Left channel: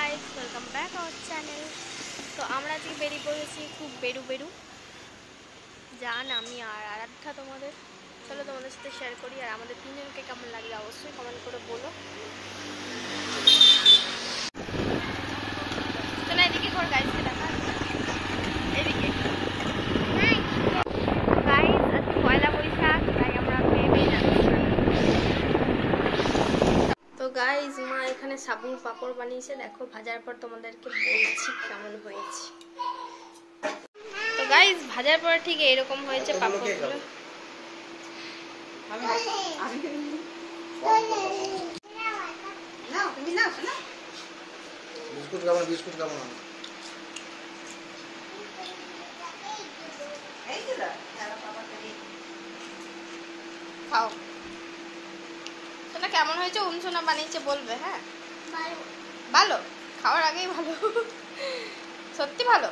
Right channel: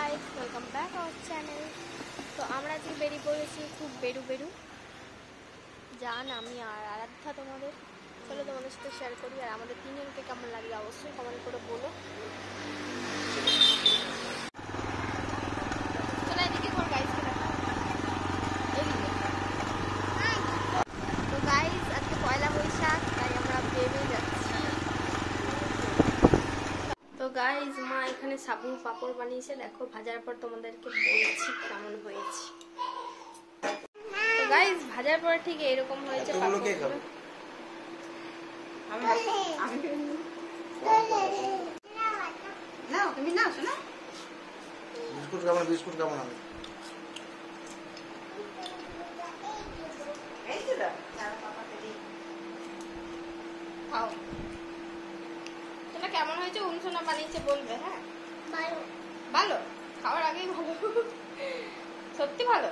Guys, welcome back our channel. তো আমরা আজকে বেরিয়ে পড়েছি একটু বেরু জান আমি আর আরাধ্যা। চলো তোমাদের সাথে শেয়ার করি। আর আমাদের তিনজনকে কেমন লাগবে অবশ্যই কমেন্ট করে বলো। চলো এদিকে কর, গাইসকে দেখা এদিকে। গাইস আজকে পয়লা বৈশাখ, তাই আমরা বেরিয়ে যাচ্ছি। তো গাইস মা এখানে সাবুন পাপড় বানিয়েছে, দেখো ভাজার পর তোমাদেরকে বলছি কেমন হয়েছে। তো গাইস ভাজার পর ঠিক এরকম হয়েছে পাপড়গুলো। বিস্কুট কেমন হবে? খাও। কেমন হয়েছে উনসোনা বানিয়েছে বলবে। হ্যাঁ ভালো, খাওয়ার আগেই ভালো, সত্যি ভালো,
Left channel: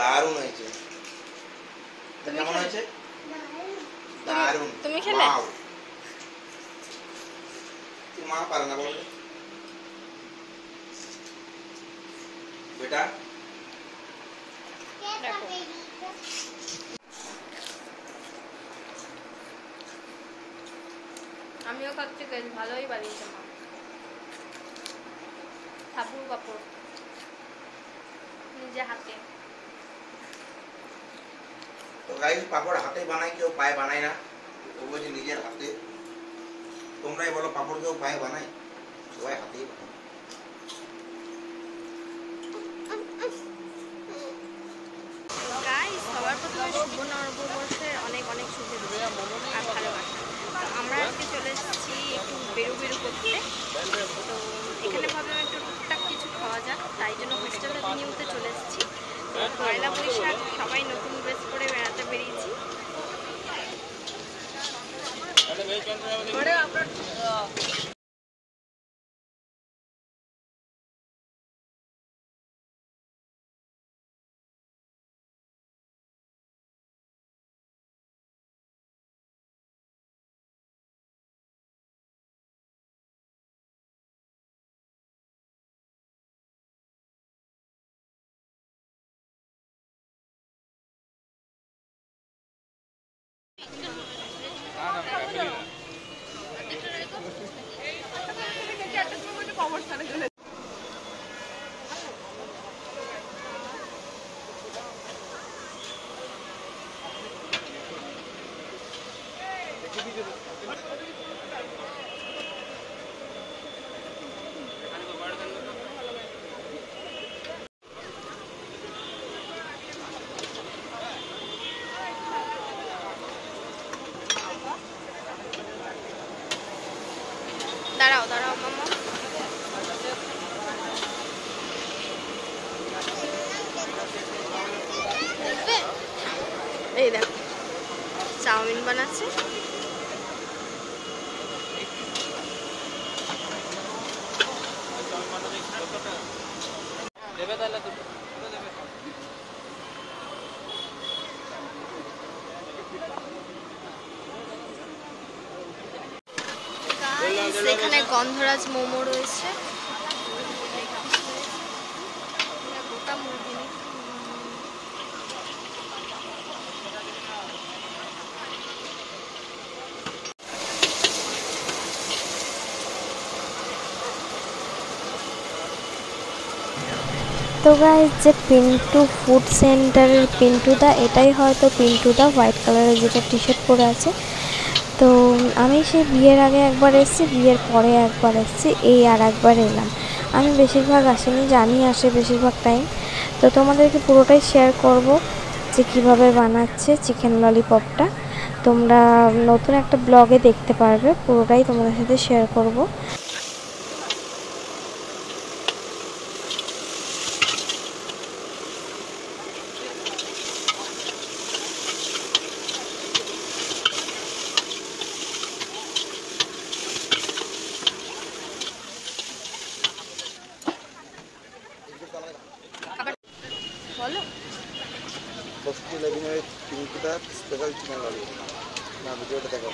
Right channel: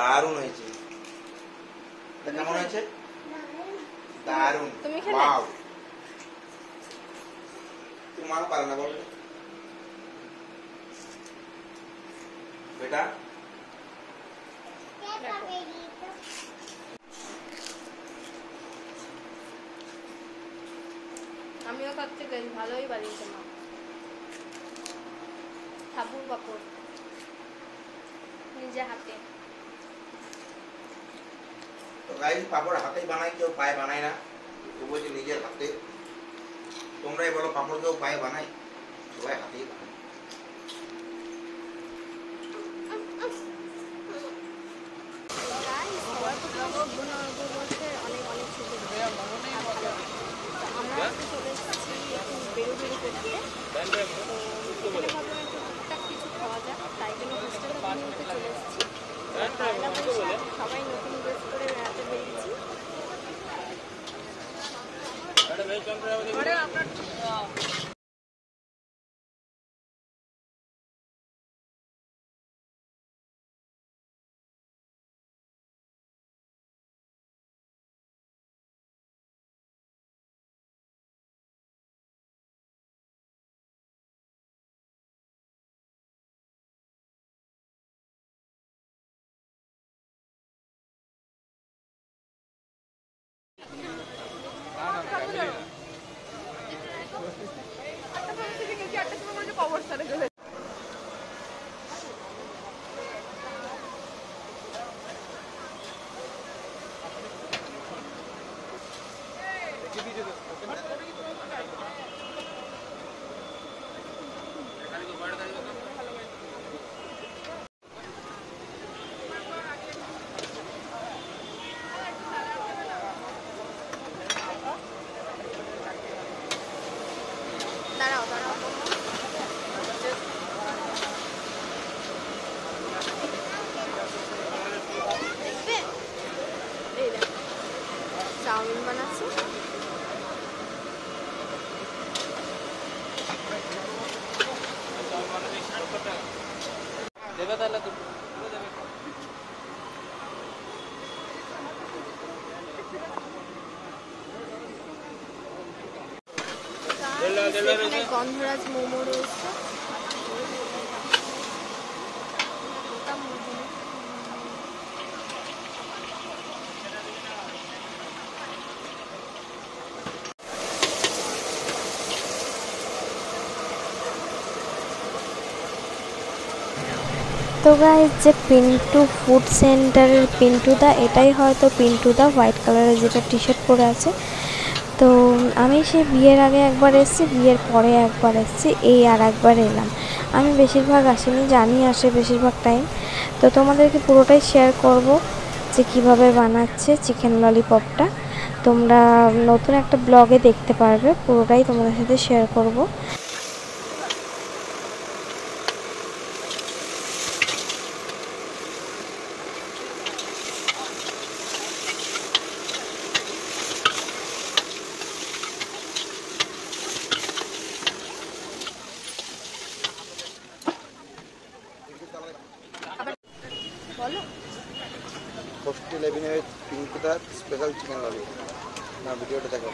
দারুণ হয়েছে। কেমন হয়েছে? দারুণ। তুমি খেলে? তোমার পারে না বলো বেটা। আমিও খাচ্ছি, বেশ ভালোই বানিয়েছে মা। সাবুন কাপড় নিজে হাতে। তো গাইস পাপড় হাতে বানাই, কেউ পায়ে বানায় না, ও বলছে নিজের হাতে। তোমরাই বলো পাপড় কেউ পায়ে বানায়? সবাই হাতেই বানায়। গাইস সবার প্রথমে শুভ নববর্ষের অনেক অনেক শুভেচ্ছা আর ভালোবাসা। তো আমরা আজকে চলে এসেছি একটু বেরু করতে। তো এখানে ভাবলাম একটু টুকটাক কিছু খাওয়া যাক, তাই জন্য হোস্টেলে নিউতে চলে এসেছি। পয়লা বৈশাখ, সবাই নতুন ড্রেস পরে বেড়াতে বেরিয়েছি। দাঁড়াও মামা। এই দেখ চাউমিন বানাচ্ছে। এখানে গন্ধরাজ মোমো রয়েছে, গোটা মুরগি। তো গাইস যে পিন্টু ফুড সেন্টারের পিন্টুদা, এটাই হয়তো পিন্টুদা, হোয়াইট কালারের যেটা টি শার্ট পরে আছে। তো আমি সেই বিয়ের আগে একবার এসেছি, বিয়ের পরে একবার এসেছি, এই আর একবার এলাম। আমি বেশিরভাগ আসিনি, জানি আসে বেশিরভাগ টাইম। তো তোমাদেরকে পুরোটাই শেয়ার করব যে কিভাবে বানাচ্ছে চিকেন ললিপপটা। তোমরা নতুন একটা ব্লগে দেখতে পারবে, পুরোটাই তোমাদের সাথে শেয়ার করব। বলো হোস্টেল 11 পিঙ্কুদার স্পেশাল চিকেন ললিপপ। না ভিডিওটা দেখো।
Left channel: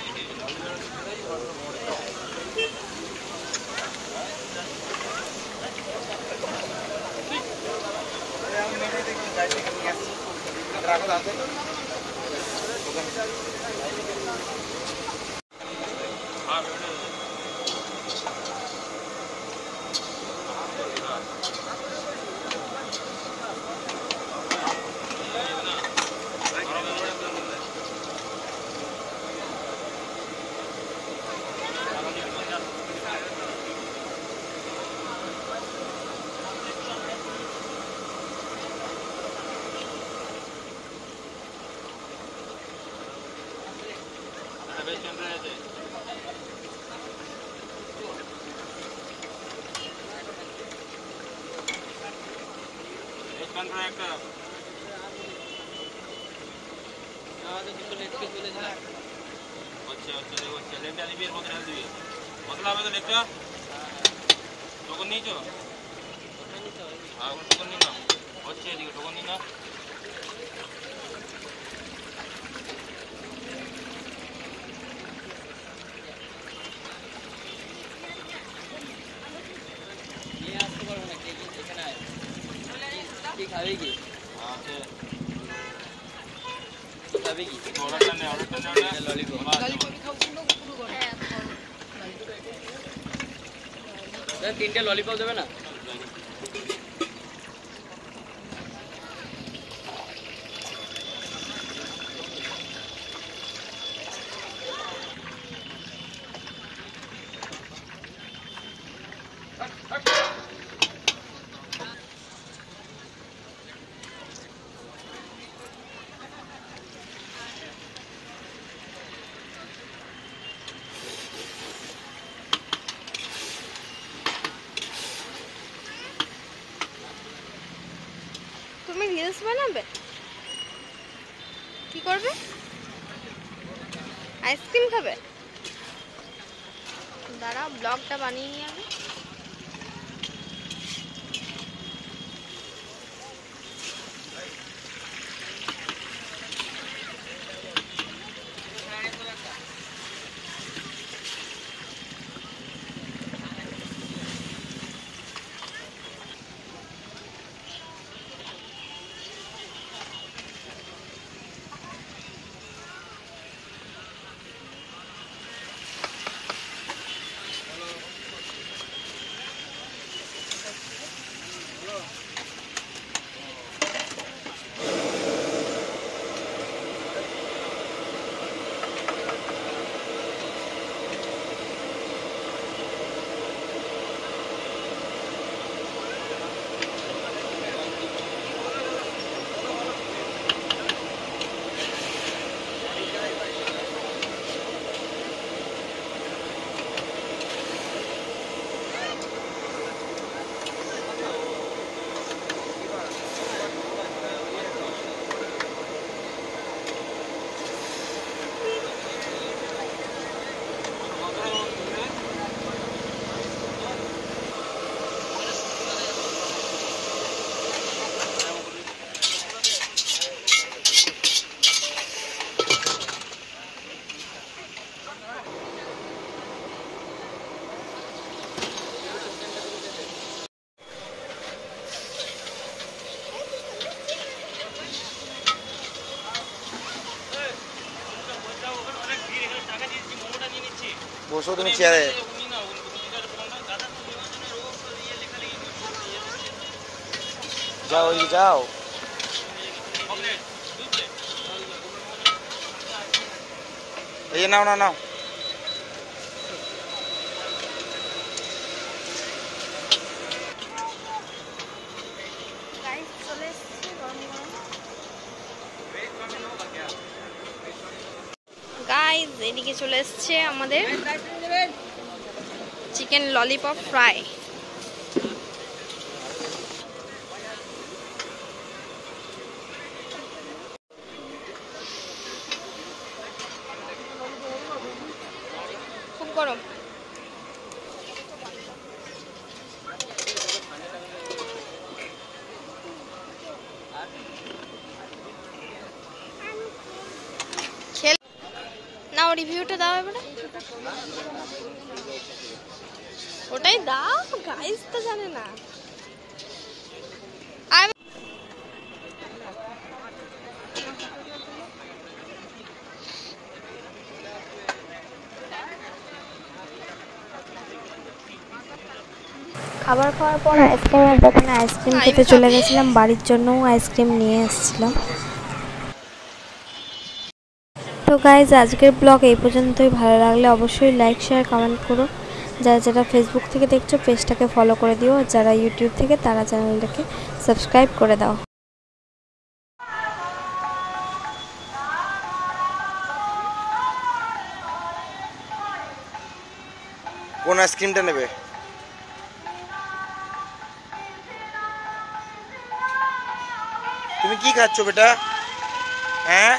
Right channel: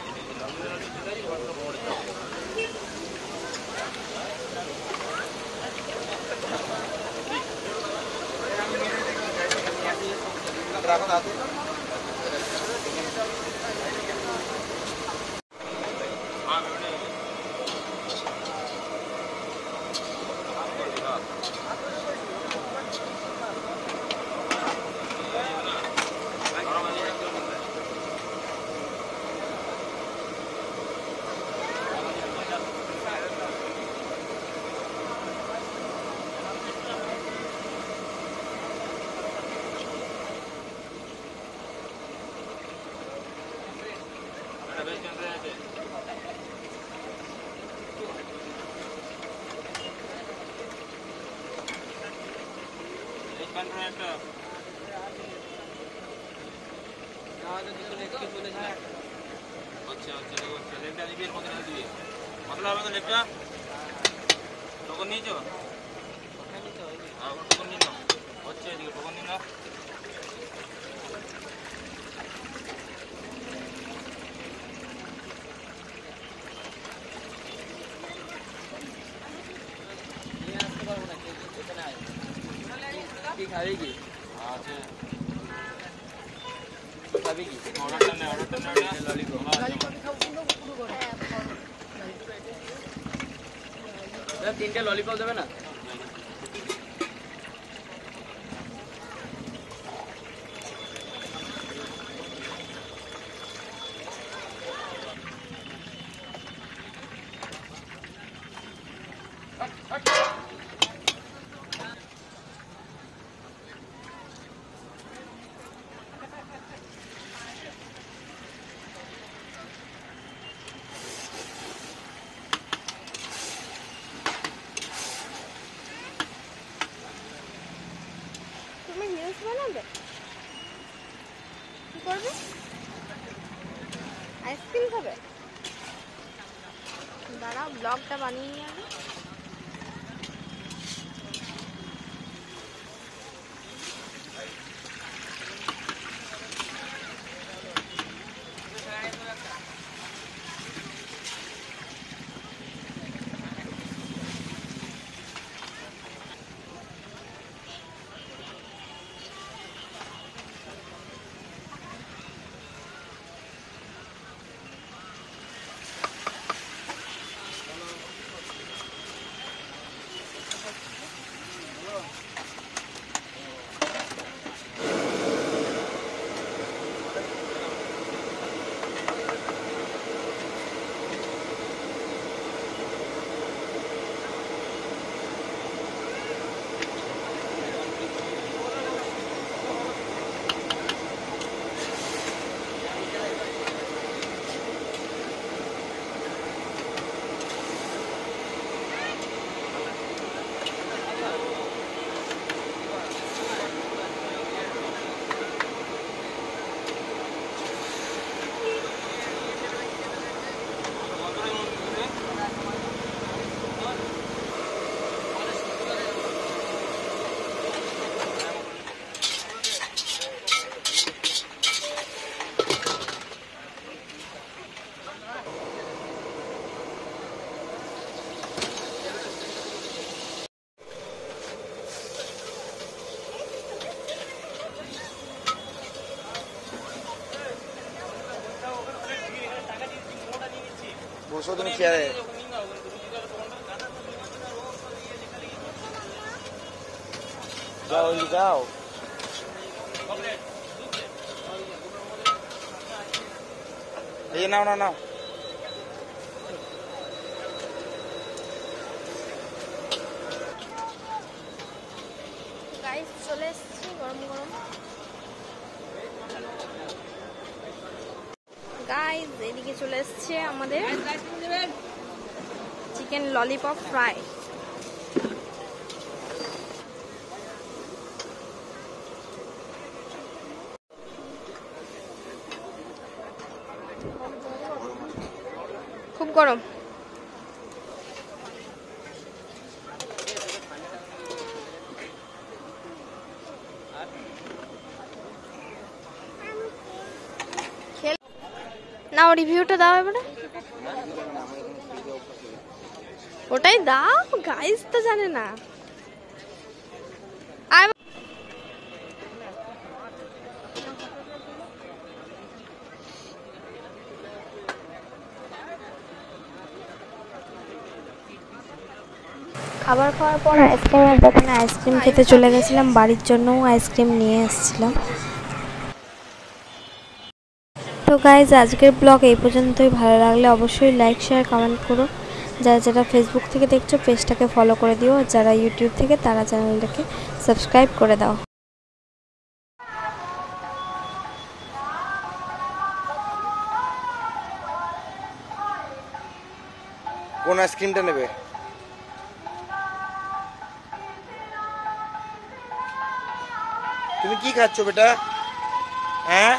তিনটে ললিপপ দেবে না? তুমি রিলস বানাবে? কি করবে? আইসক্রিম খাবে? দাঁড়াও ব্লগটা বানিয়ে নিয়ে আগে। বসো তুমি চেয়ারে। যাও ওই যাও। এই নাও নাও নাও। গাইস এদিকে চলে এসছে আমাদের চিকেন ললিপপ ফ্রাই। খুব গরম। নাও রিভিউটা দাও এবারে। ওটাই দাও, গাইস তো জানে না। খাবার খাওয়ার পর আইসক্রিমের দোকানে আইসক্রিম খেতে চলে গেছিলাম, বাড়ির জন্যও আইসক্রিম নিয়ে এসেছিলাম। তো গাইজ আজকের ব্লগ এই পর্যন্তই। ভালো লাগলে অবশ্যই লাইক শেয়ার কমেন্ট করো। যারা যারা ফেসবুক থেকে দেখছো পেজটাকে ফলো করে দিও, আর যারা ইউটিউব থেকে তারা চ্যানেলটাকে সাবস্ক্রাইব করে দাও। কোন আইসক্রিমটা নেবে? তুমি কি খাচ্ছ বেটা? হ্যাঁ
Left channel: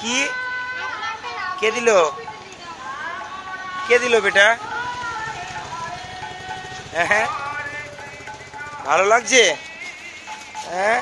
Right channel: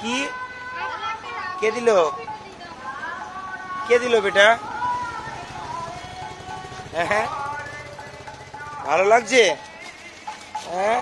কি কে দিল? কে দিল বেটা? হ্যাঁ ভালো লাগছে? হ্যাঁ